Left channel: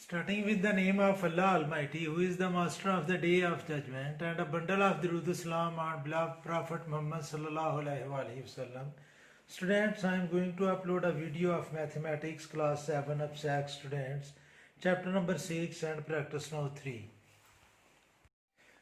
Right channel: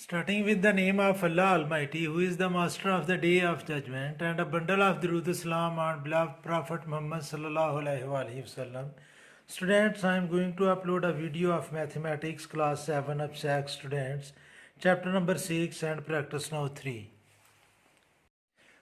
Starting with the name of Allah Almighty, who is the master of the day of judgment, and a bundle of Durood Salam on beloved Prophet Muhammad sallallahu alaihi wasallam. Students, I am going to upload a video of mathematics class 7 abstract students, chapter number 6 and practice now 3.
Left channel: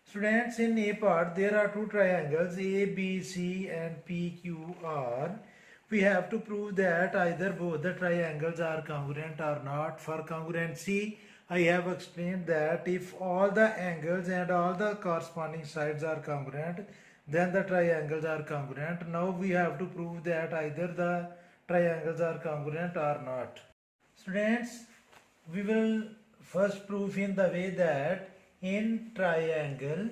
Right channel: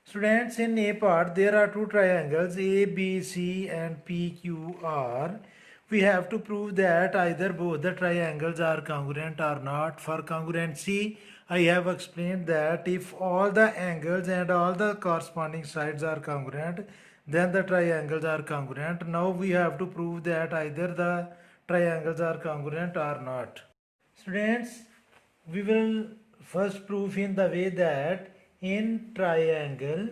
Students, in A part there are two triangles A, B, C and P, Q, R. We have to prove that either both the triangles are congruent or not. For congruency, I have explained that if all the angles and all the corresponding sides are congruent, then the triangles are congruent. Now we have to prove that either the triangles are congruent or not. Students, we will first prove in the way that in triangle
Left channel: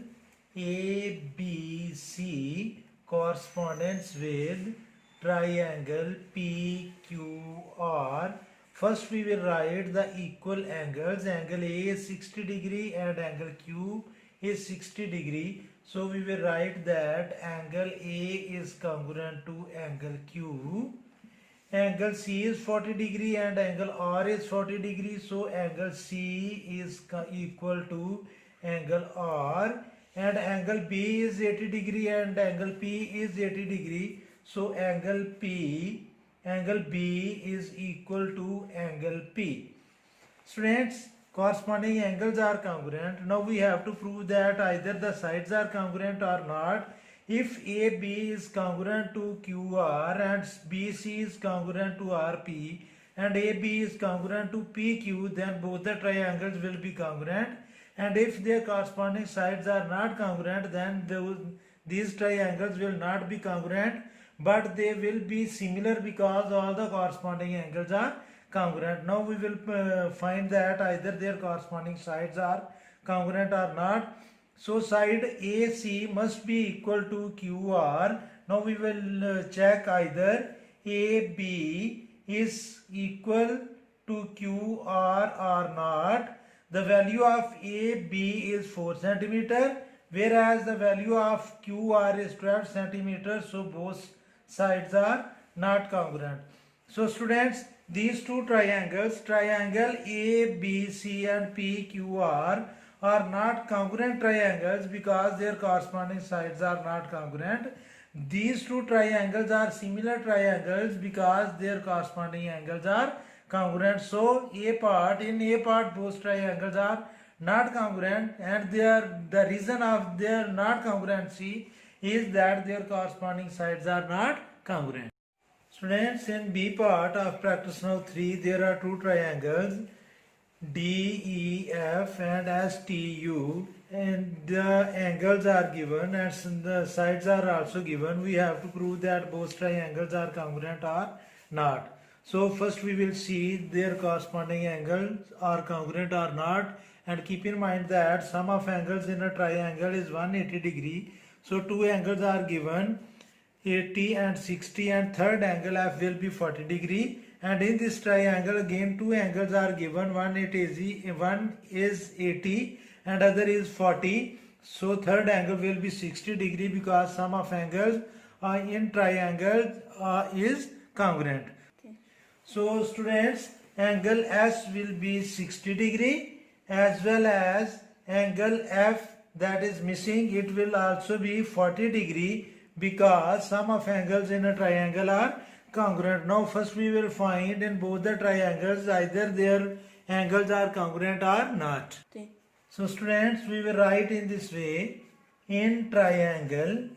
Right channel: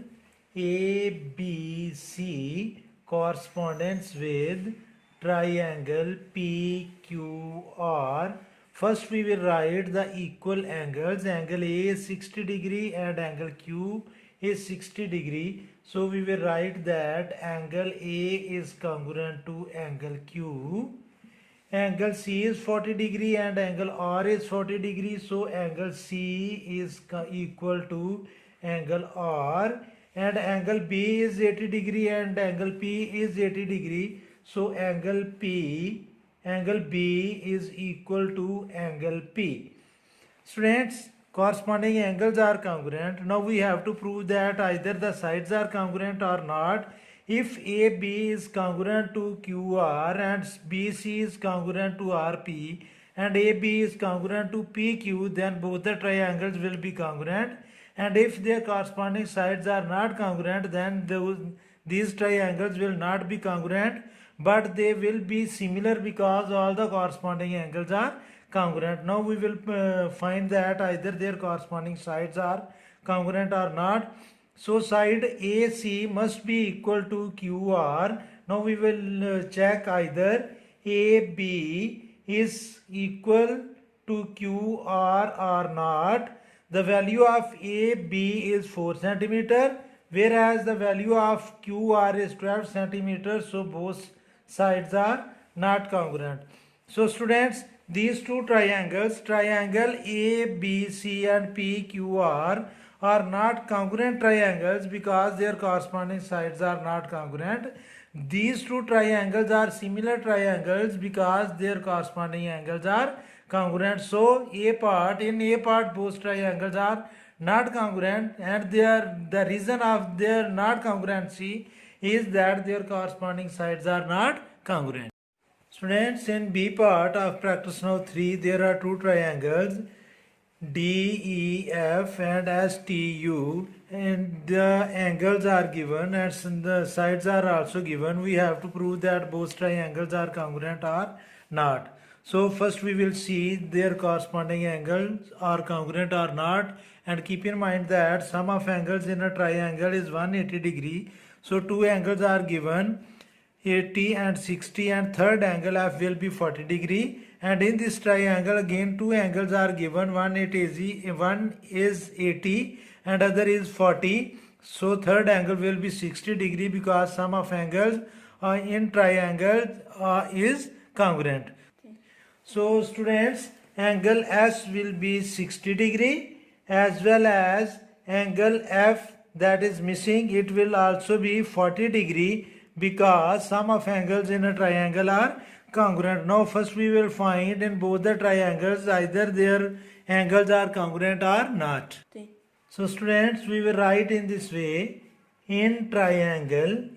ABC correspondence with triangle PQR. First we will write the equal angles. Angle A is 60 degree and angle Q is 60 degree. So we will write that angle A is congruent to angle Q. Angle C is 40 degree and angle R is 40 degree. So angle C is equal to angle R. And angle B is 80 degree and angle P is 80 degree. So angle B is equal to angle P. Students, corresponding angles are congruent. Now we have to prove that either the sides are congruent or not. If AB is congruent to QR and BC is congruent to RP and AB is congruent to PQ, then both the triangles will be congruent. And if their corresponding sides are not congruent, then these triangles will not be congruent, but they will be similar because all the corresponding angles are congruent. Now we will find that either their corresponding sides are congruent or not. So side AC must be equal to QR. Now we will check either AB is equal to QR or not. The value of AB is 4 centimeter, whereas the value of QR is 12 centimeters. So both sides are not congruent. So students, these two triangles, triangle ABC and PQR, are not congruent triangles because their corresponding sides are not congruent. These two triangles are similar triangles because their corresponding angles are congruent. So in A part both triangles are not congruent, and the reason of their not congruency is that their corresponding sides are not congruent. Students, in B part of practice now 3, there are two triangles DEF and STU, and the angles are given and the sides are also given. We have to prove that both triangles are congruent or not. So first we will see their corresponding angles are congruent or not, and keep in mind that sum of angles in a triangle is 180 degree. So two angles are given, 80 and 60, and third angle F will be 40 degree. And in this triangle again two angles are given, one is 80 and other is 40. So third angle will be 60 degree because sum of angles in triangle is congruent. So students, angle S will be 60 degree as well as angle F that is missing, it will also be 40 degree because sum of angles in a triangle are congruent. Now first we will find in both the triangles either their angles are congruent or not. Okay. So students, we will write in this way: in triangle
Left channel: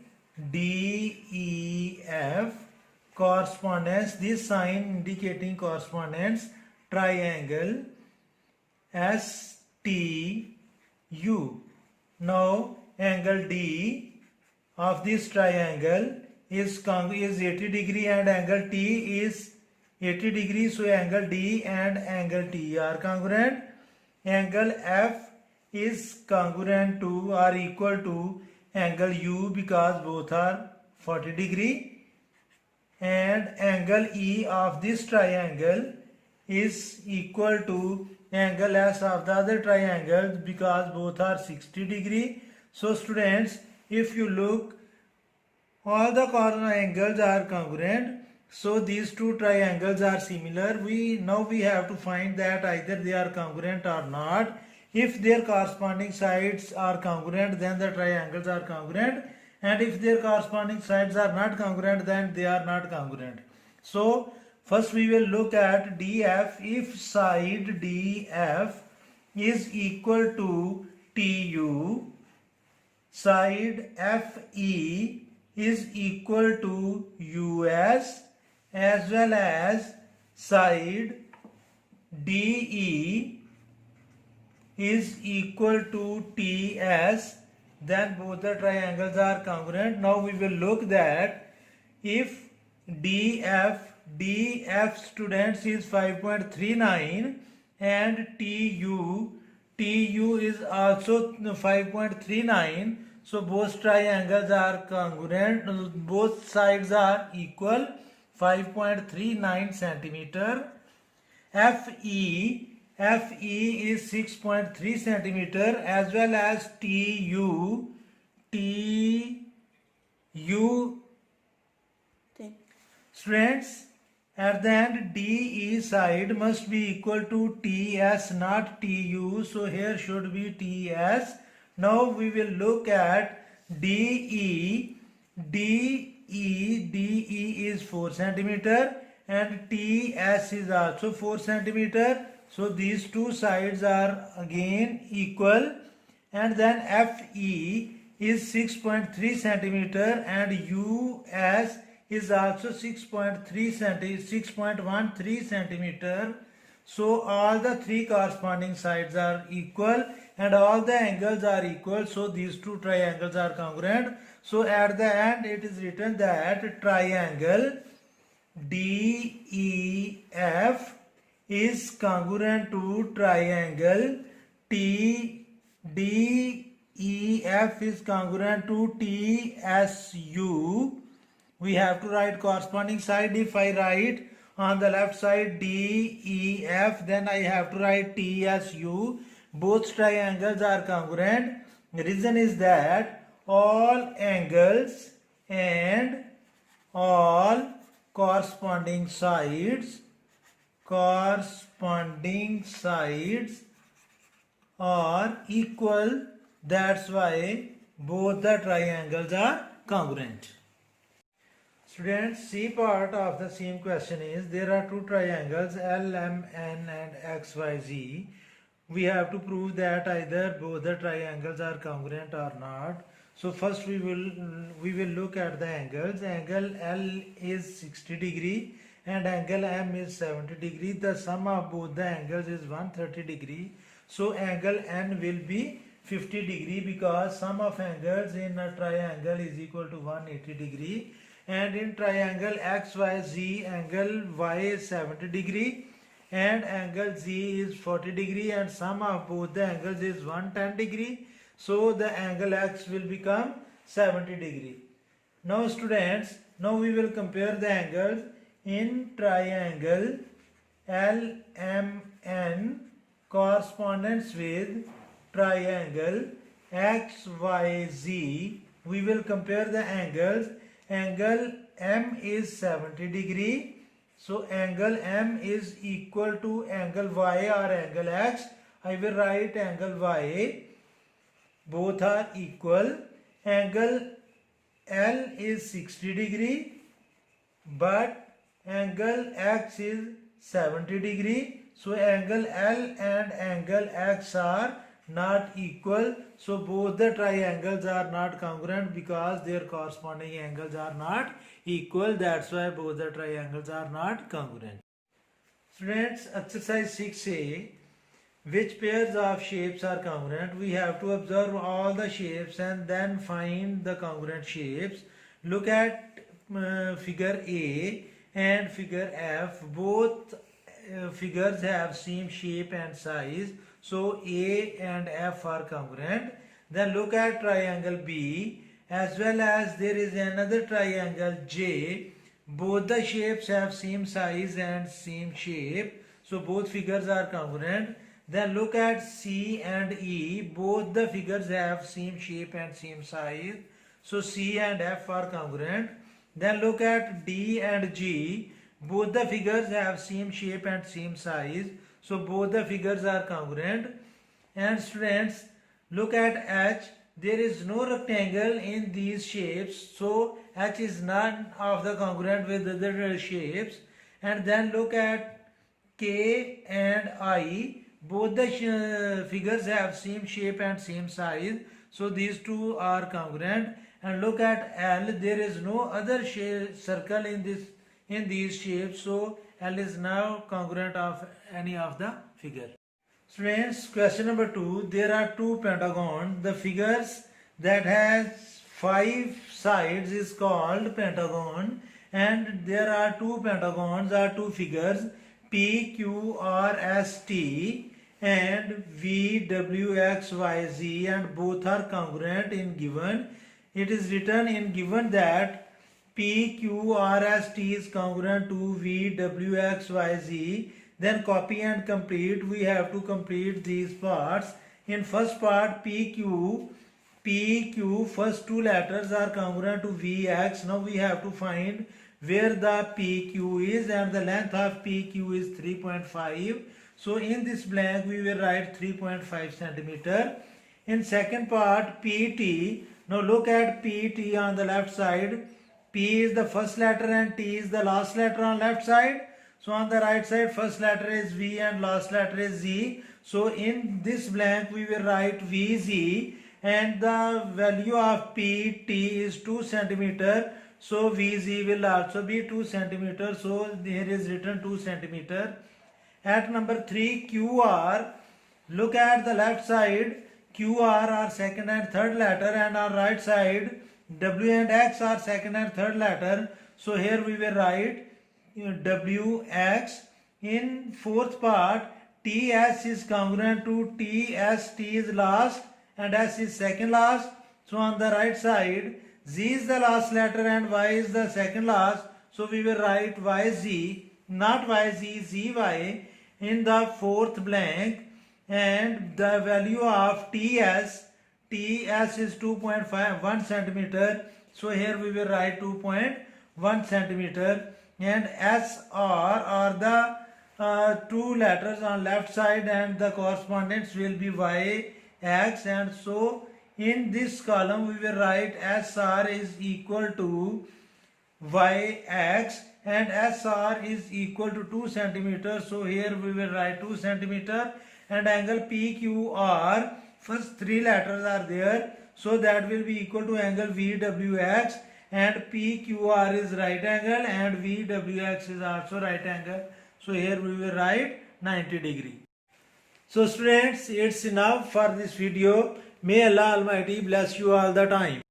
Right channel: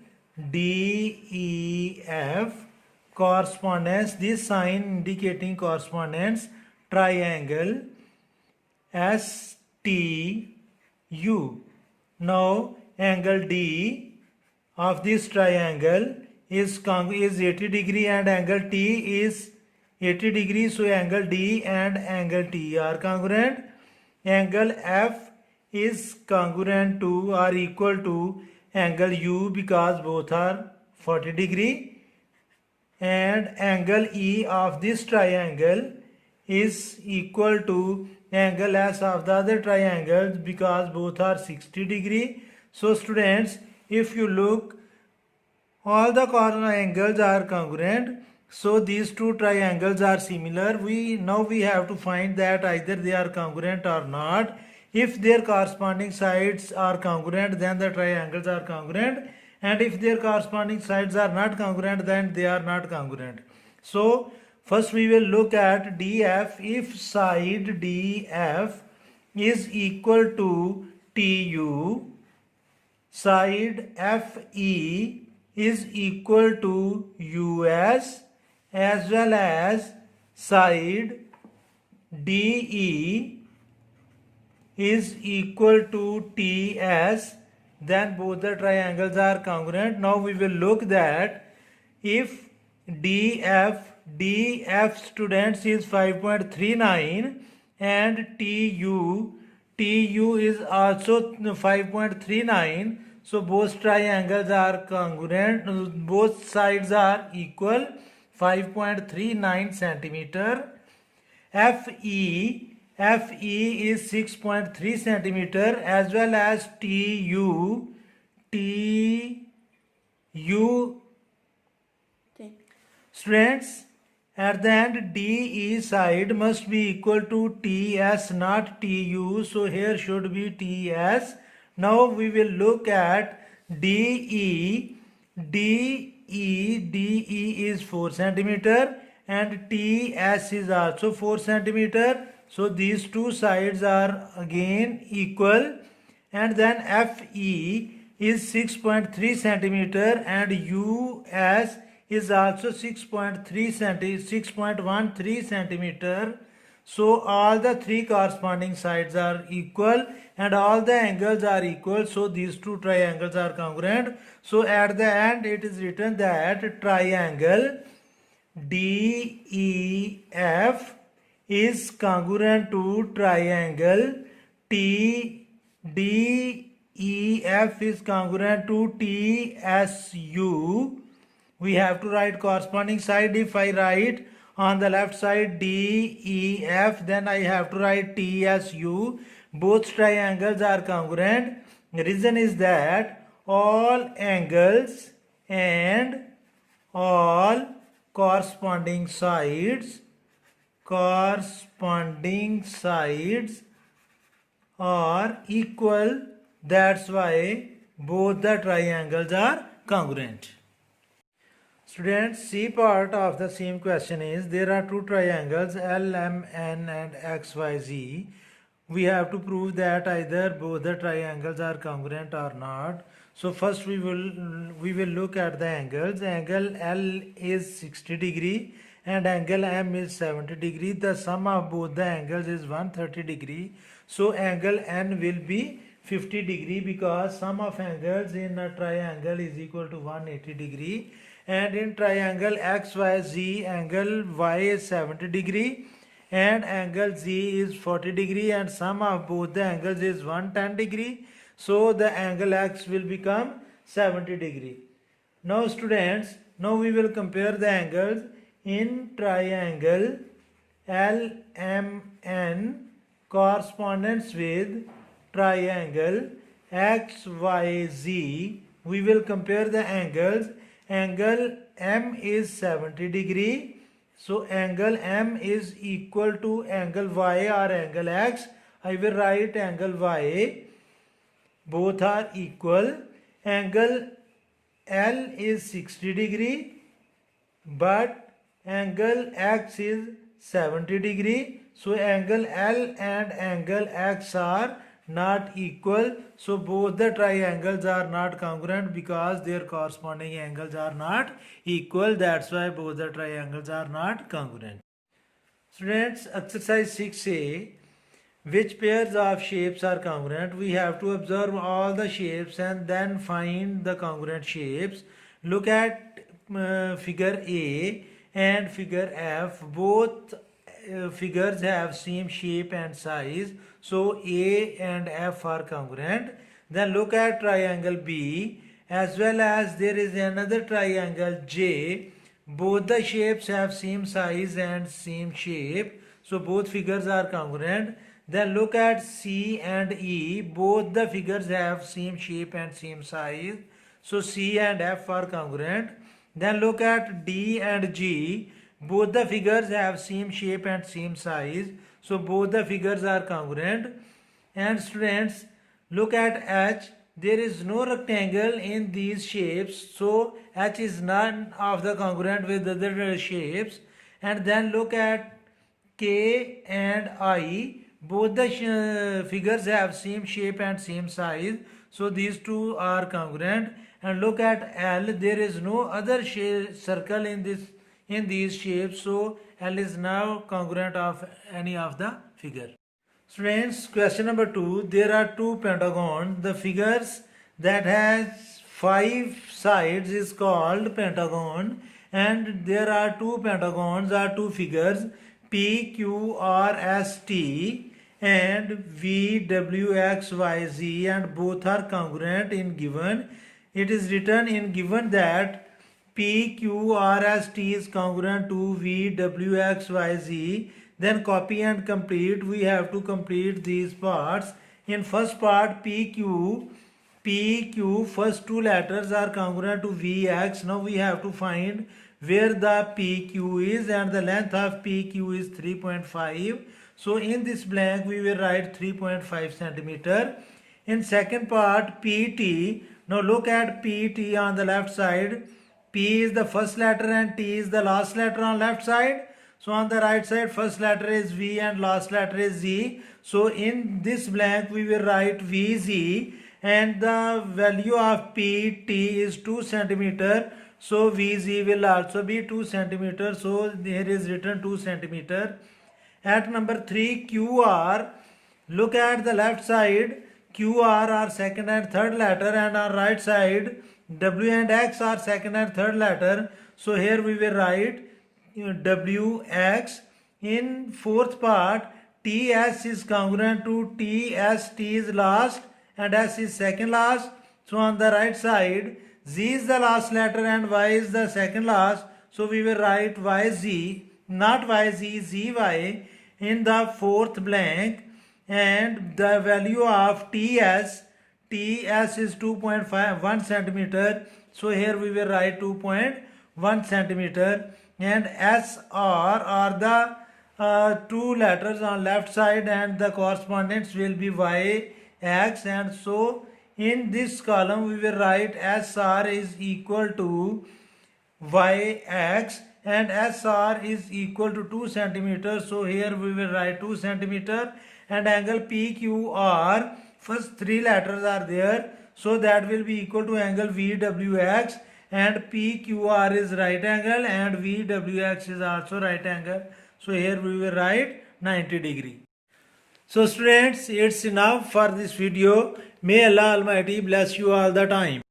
DEF correspondence, this sign indicating correspondence, triangle STU. Now angle D of this triangle is 80 degree and angle T is 80 degree. So angle D and angle T are congruent. Angle F is congruent to or equal to angle U because both are 40 degree. And angle E of this triangle is equal to angle S of the other triangles because both are 60 degree. So students, if you look, all the corner angles are congruent So these two triangles are similar. We have to find that either they are congruent or not. If their corresponding sides are congruent, then the triangles are congruent, and if their corresponding sides are not congruent, then they are not congruent. So first we will look at DF. If side DF is equal to TU, side FE is equal to US, as well as side DE is equal to TS, then both the triangles are congruent. Now we will look that if DF students is 5.39 and TU is also 5.39, so both triangles are congruent, both sides are equal, 5.39 centimeter. FE is 6.3 centimeter, as well as TU students, at the end DE side must be equal to TS, not TU, so here should be TS. Now we will look at DE is 4 centimeter and TS is also 4 centimeter. So these two sides are again equal, and then FE is 6.3 centimeter and US is also 6.13 centimeter. So all the three corresponding sides are equal and all the angles are equal. So these two triangles are congruent. So at the end it is written that triangle DEF is congruent to triangle DEF is congruent to TSU. We have to write corresponding side. If I write on the left side DEF, then I have to write TSU. Both triangles are congruent. The reason is that all angles and all corresponding sides are equal. That's why both the triangles are congruent. Students, C part of the same question is there are two triangles LMN and XYZ. We have to prove that either both the triangles are congruent or not. So first we will look at the angles. Angle L is 60 degree and angle M is 70 degree. The sum of both the angles is 130 degree. So angle N will be 50 degree because sum of angles in a triangle is equal to 180 degree. And in triangle XYZ, angle Y is 70 degree and angle Z is 40 degree, and sum of both the angles is 110 degree. So the angle X will become 70 degree. Now students, now we will compare the angles in triangle LMN correspondence with triangle XYZ. We will compare the angles. Angle M is 70 degree. So angle M is equal to angle Y or angle X. I will write angle Y. Both are equal. Angle L is 60 degree, but angle X is 70 degree. So angle L and angle X are not equal. So both the triangles are not congruent because their corresponding angles are not equal. That's why both the triangles are not congruent. Students, exercise 6a. Which pairs of shapes are congruent? We have to observe all the shapes and then find the congruent shapes. Look at figure A and figure F. Both figures have same shape and size. So A and F are congruent. Then look at triangle B, as well as there is another triangle J. Both the shapes have same size and same shape. So both figures are congruent. Then look at C and E. Both the figures have same shape and same size. So C and F are congruent. Then look at D and G. Both the figures have same shape and same size. So both the figures are congruent. And students, look at H. There is no rectangle in these shapes. So H is none of the congruent with other shapes. And then look at K and I. Both the figures have same shape and same size. So these two are congruent. And look at L. There is no other circle in these shapes. So L is now congruent of any of the figure. Students, question number 2. There are two pentagons. The figures that has 5 sides is called pentagon, and there are two pentagons or two figures P, Q, R, S, T and V, W, X, Y, Z, and both are congruent in given. It is written in given that P, Q, R, S, T is congruent to V, W, X, Y, Z. Then copy and complete. We have to complete these parts. In first part, PQ, first two letters are congruent to VX. Now we have to find where the PQ is, and the length of PQ is 3.5. So in this blank we will write 3.5 centimeter. In second part, PT. Now look at PT on the left side. P is the first letter and T is the last letter on left side. So on the right side, first letter is V and last letter is Z. So in this blank we will write VZ, and the value of PT is 2 centimeter. So VZ will also be 2 centimeter. So here is written 2 centimeter. At number 3, QR. Look at the left side. QR are second and third letter, and on right side W and X are second and third letter. So here we will write WX. In fourth part, TS is congruent to TS. T is last and S is second last. So on the right side, Z is the last letter and Y is the second last. So we will write YZ, not YZ, ZY in the fourth blank. And the value of TS is 2.1 centimeter. So here we will write 2.1 centimeter. And SR are the two letters on left side, and the correspondence will be YX. And so in this column we will write SR is equal to YX, and SR is equal to 2 centimeter. So here we will write 2 centimeter. And angle PQR, first three letters are there, so that will be equal to angle VWX, and PQR is right angle and VWX is also right angle. So here we will write 90 degree. So students, it's enough for this video. May Allah Almighty bless you all the time.